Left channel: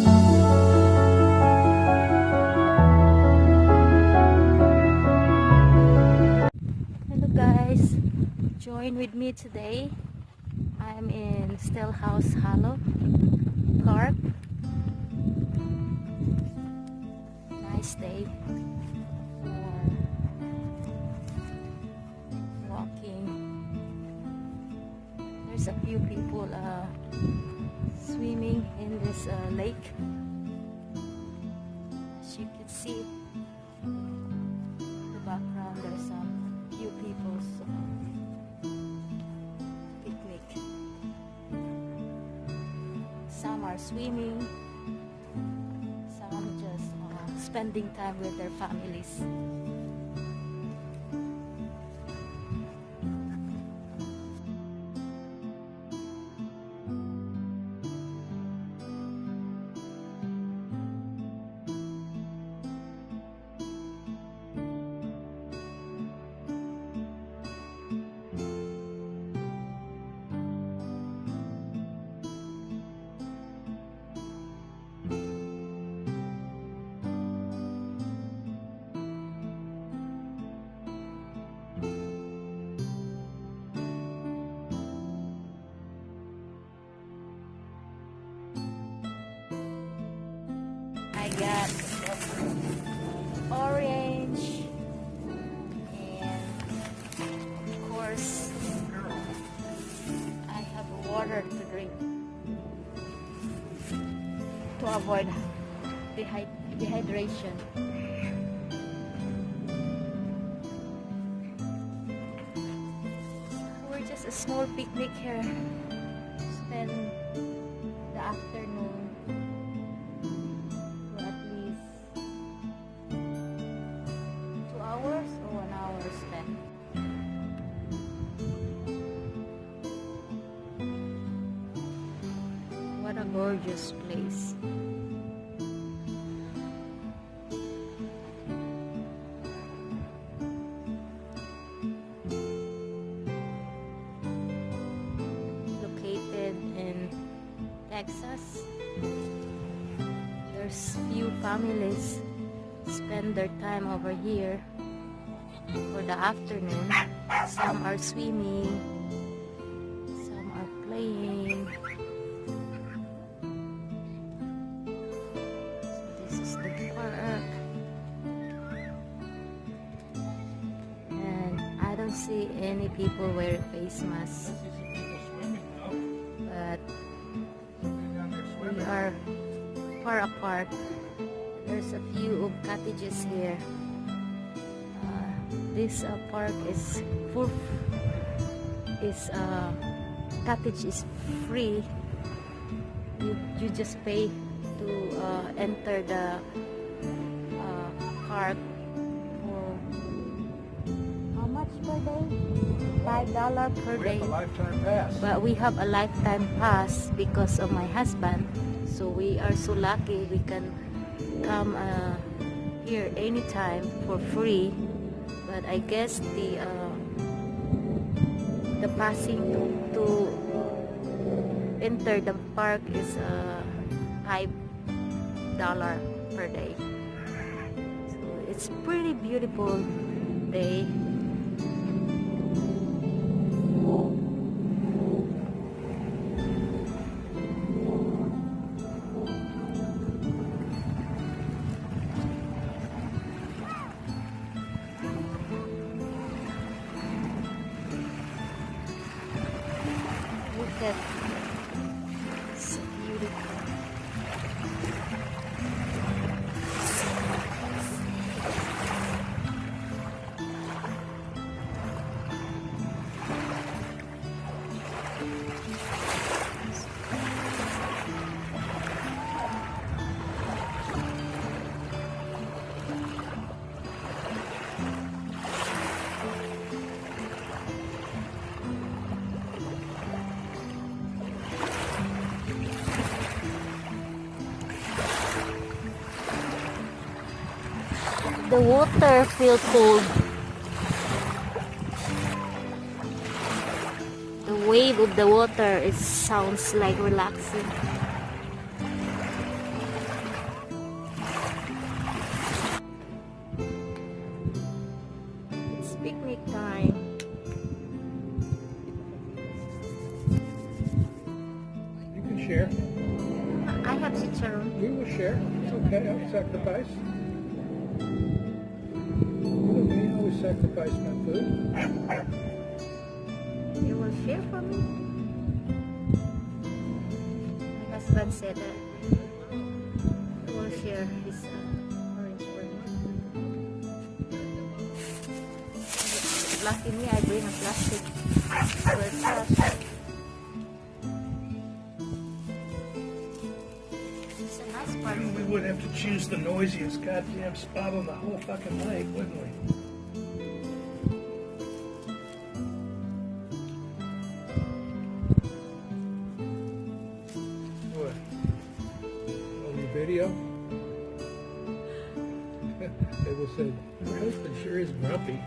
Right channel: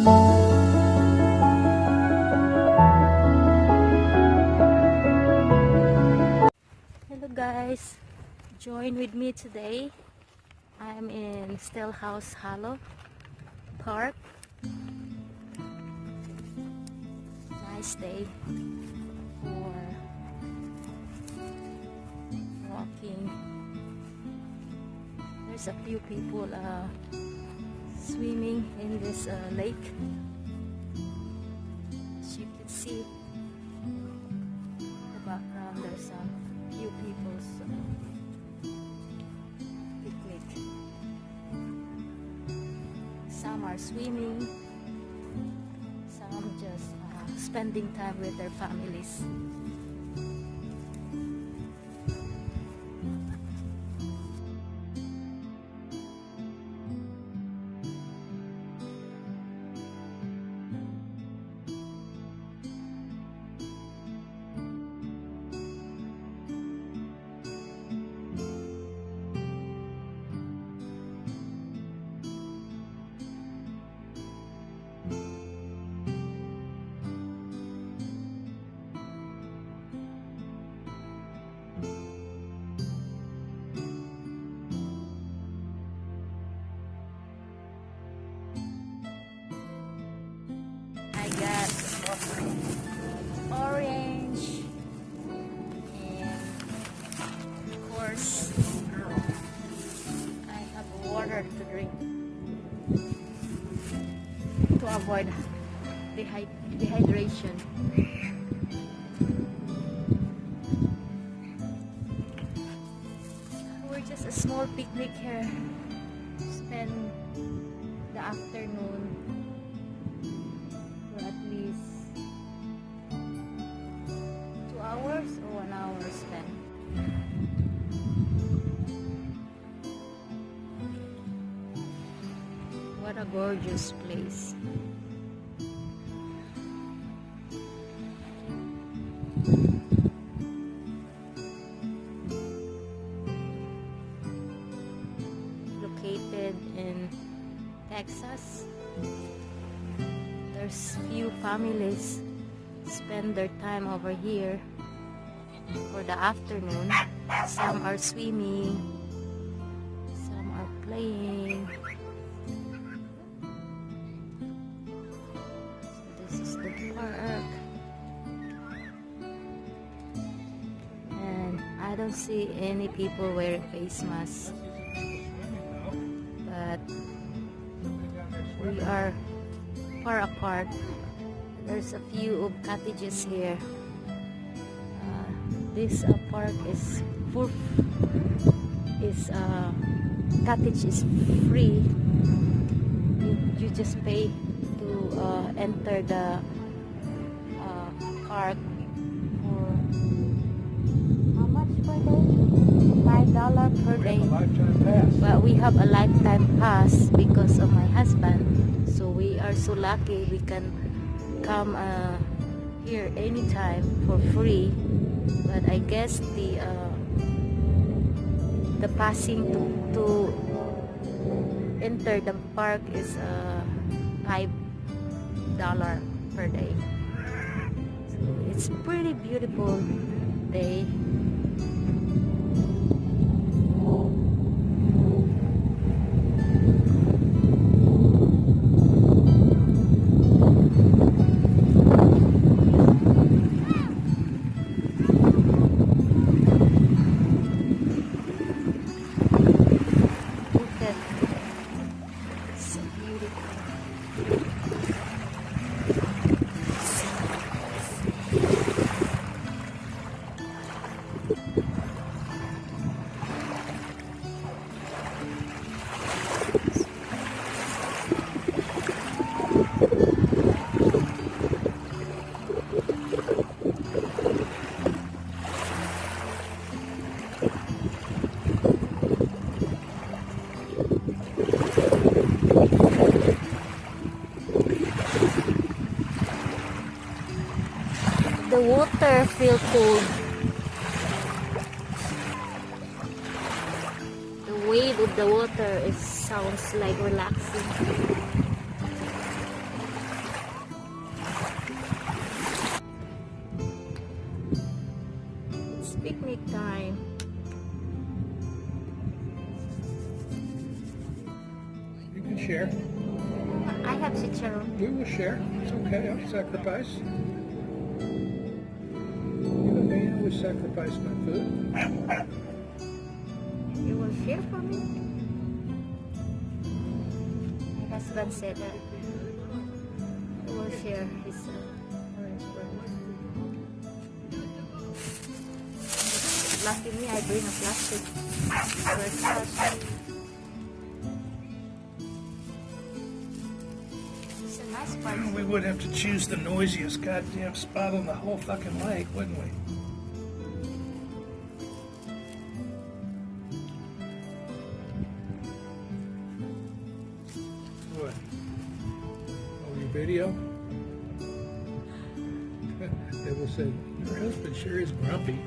Hello guys, join with me today. I'm in Stillhouse Hollow Park. Nice day for walking. There's a few people swimming in this lake. As you can see in the background, there's a few people's picnic. Some are swimming, some just spending time with their families. I got orange and of course I have water to drink to avoid dehydration. We're just a small picnic here. Spend the afternoon. At least 2 hours or 1 hour spent. What a gorgeous place. Located in Texas. There's few families spend their time over here for the afternoon. Some are swimming, some are playing. This is the park, and I don't see any people wearing face masks, but we are far apart. There's a few of cottages here. This park is full. Cottage is free. You just pay to enter the park for how much per day? $5 per day. We have a lifetime pass. But we have a lifetime pass because of my husband. So we are so lucky we can come here anytime for free. But I guess the passing to enter the park is $5 per day. So it's pretty beautiful day. It's so beautiful. The water feels cold. The wave of the water sounds like relaxing. I have chicharron. We will share. It's okay. I'll sacrifice. You know me, I always sacrifice my food. You will share for me? My husband said that he will share his orange for me. Lucky me, I bring a plastic or a trash. It's a nice park. We would have to choose the noisiest goddamn spot on the whole fucking lake, wouldn't we? What? On your video? They will say, your husband sure is grumpy.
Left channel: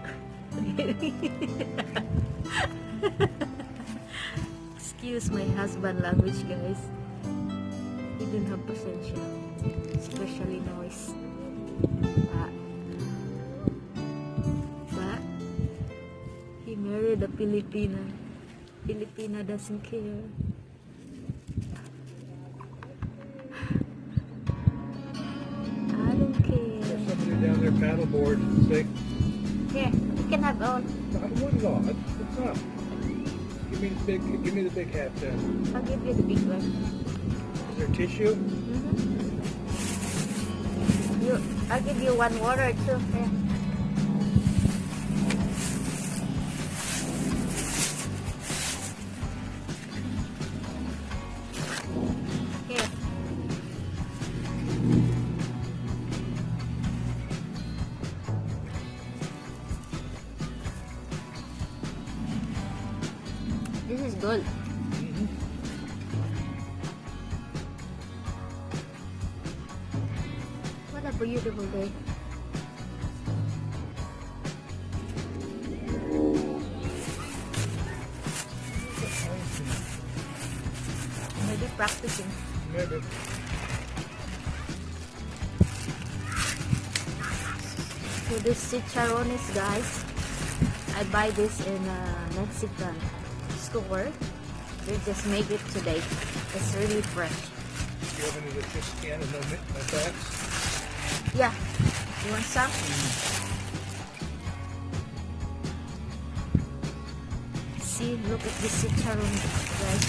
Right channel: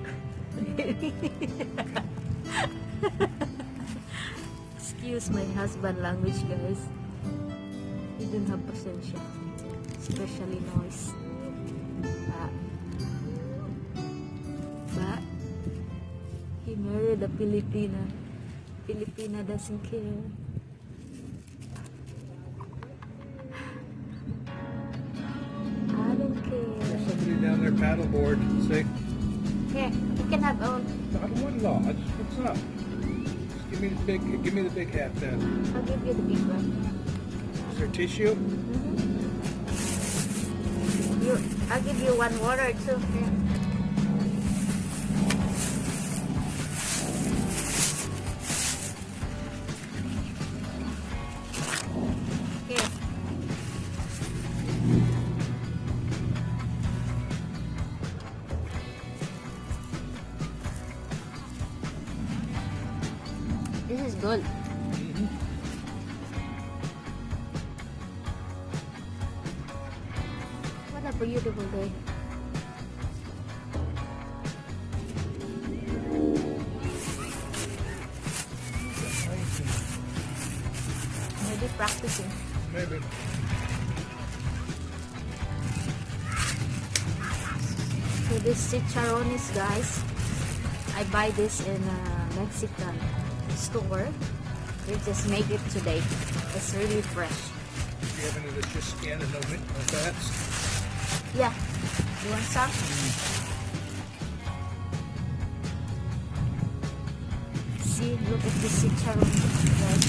Excuse my husband language, guys. He didn't have pasensya, especially noise. But he married a Filipina. Filipina doesn't care. I don't care. Somebody down there paddleboard and say, Here, you can have all. I wouldn't know. It's not. Just give me the big hat then. I'll give you the big one. Is there tissue? I'll give you one water too. Here. Here. This is good. What a beautiful day. Maybe practicing. Maybe. So this chicharrones, guys, I buy this in a Mexican store. They just make it today. It's really fresh. Do you have any that's just skin and no fats? Yeah. You want some? See, look at this chicharron, guys.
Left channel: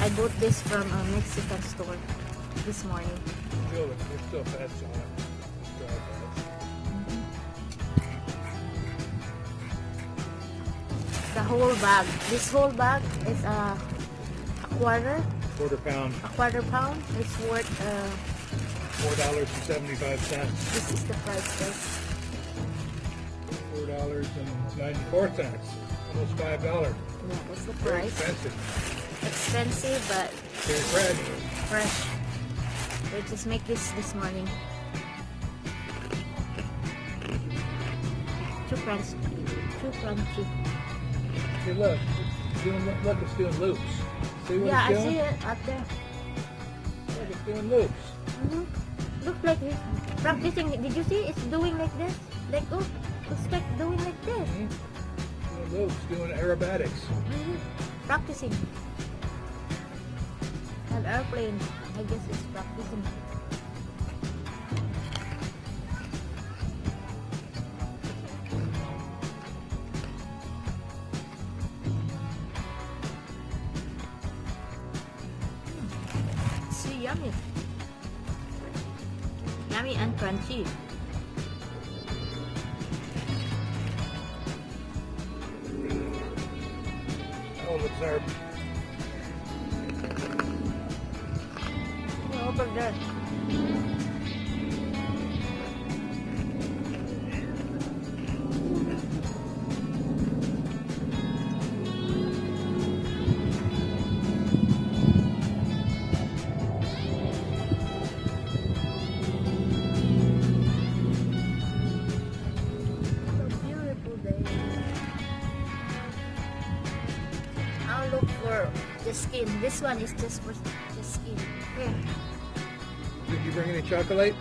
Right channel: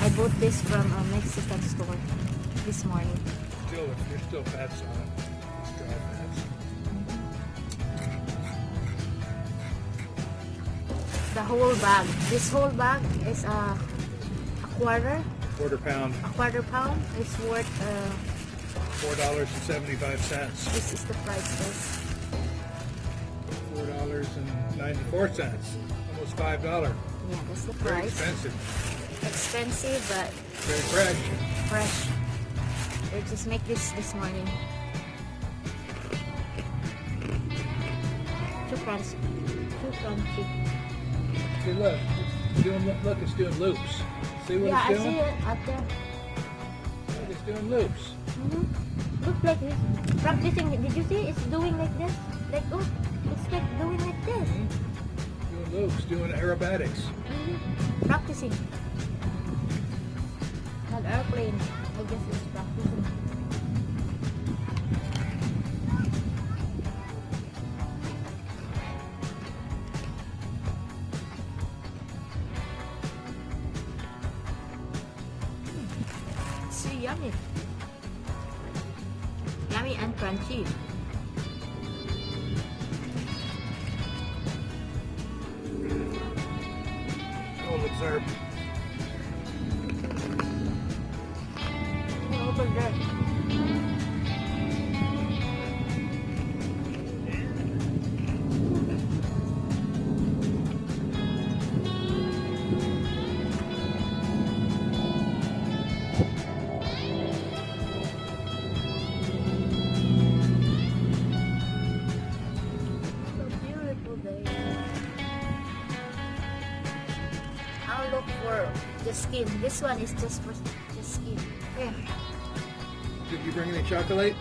I bought this from a Mexican store this morning. There's still fats on it. Dry fats. The whole bag. This whole bag is a quarter. Quarter pound. A quarter pound. It's worth $4.75. this is the price, guys. $4.94. Almost $5. Yeah, that's the Very price. expensive. Expensive, but Very fresh. fresh. They just make this morning. Too crunchy. Too crunchy. See, look. Look, it's doing loops. See what Yeah, I it's doing? see it up there. Look, it's doing loops. Looks like it's practicing. Did you see? It's doing like this. Like, oh, it's like doing like this. Doing loops, doing aerobatics. Practicing. An airplane. I guess it's practicing. So yummy. Yummy and crunchy. Oh, observe. Over there. I'll look for the skin. This one is just for the skin. Here. Did you bring any chocolate?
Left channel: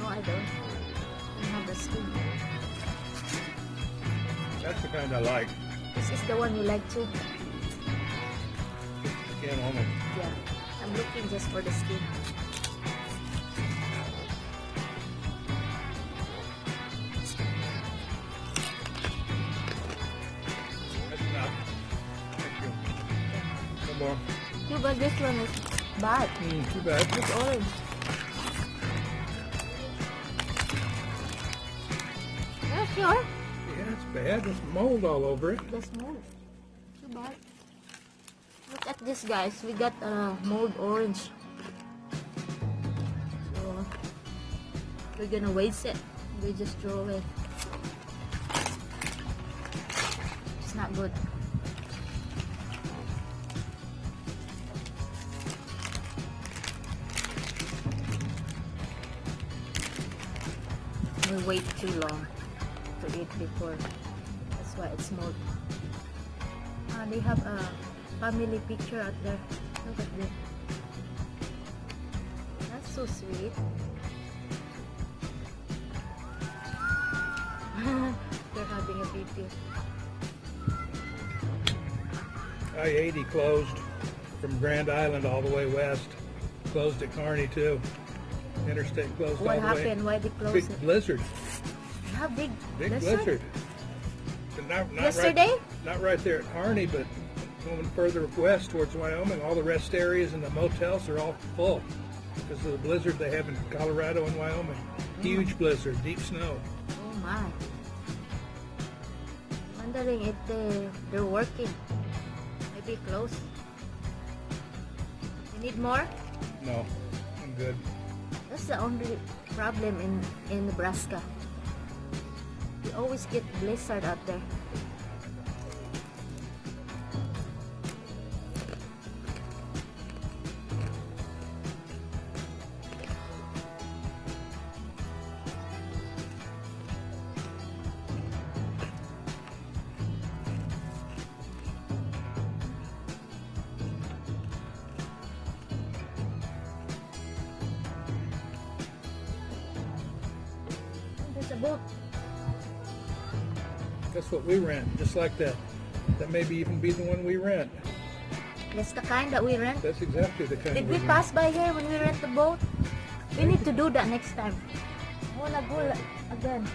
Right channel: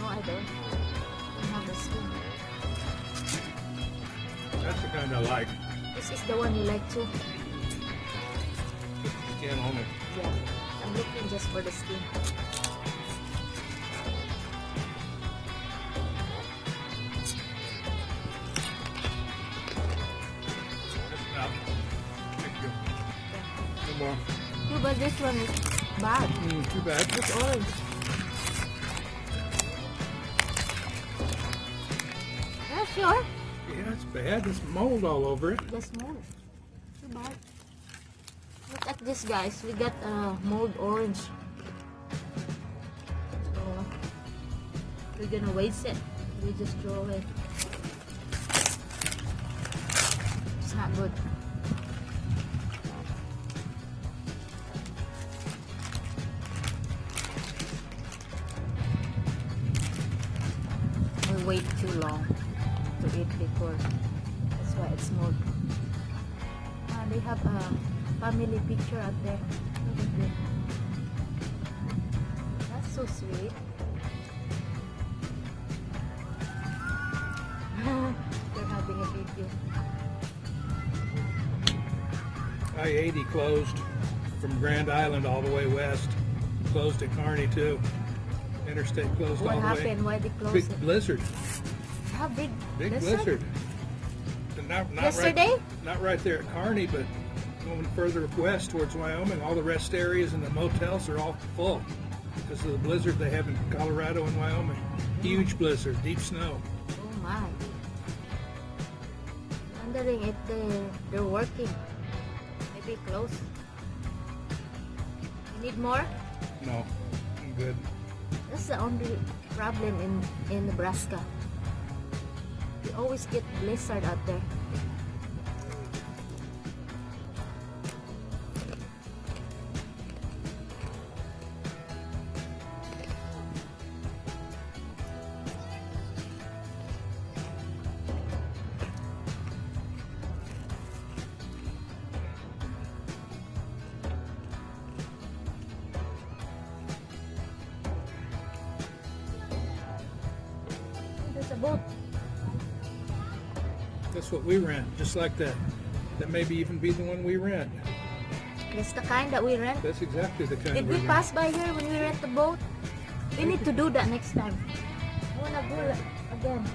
No, I don't. I have the skin. That's the kind I like. This is the one you like too. Yeah, almond. Yeah. I'm looking just for the skin. Come on. Too bad this one is bad. Too bad. It's orange. Yeah, sure. Yeah, it's bad. There's mold all over it. That's mold. Too bad. Look at this, guys. We got mold orange. So we're gonna waste it. We just throw it. It's not good. We wait too long to eat before. That's why it's mold. They have a family picture out there. Look at this. That's so sweet. They're having a video. I-80 closed from Grand Island all the way west. Closed at Kearney too. Interstate closed What all the happened? way. Why they closed Big it? blizzard. How big? Big blizzard? blizzard. But not Yesterday? Not right there at Kearney, but going further west towards Wyoming, all the rest areas and the motels are all full. Because of the blizzard they have in Colorado and Wyoming. Huge blizzard, deep snow. Oh my. Wondering if they're working. Maybe close. You need more? No, I'm good. That's the only problem in Nebraska. You always get blizzard out there. There's a boat. That's what we rent, just like that. That may even be the one we rent. That's the kind that we rent. That's exactly the kind Did we we rent. pass by here when we rent the boat? We need to do that next time. I wanna go again.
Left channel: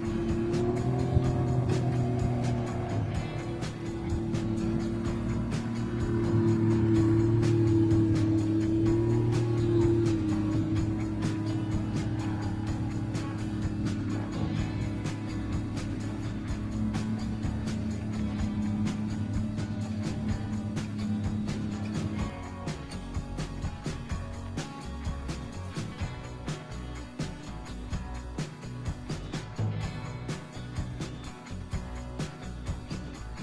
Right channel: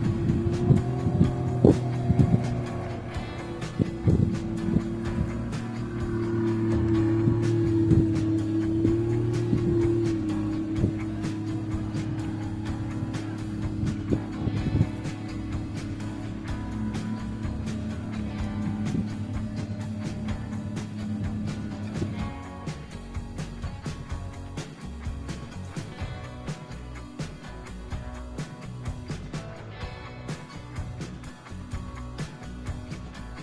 Bye.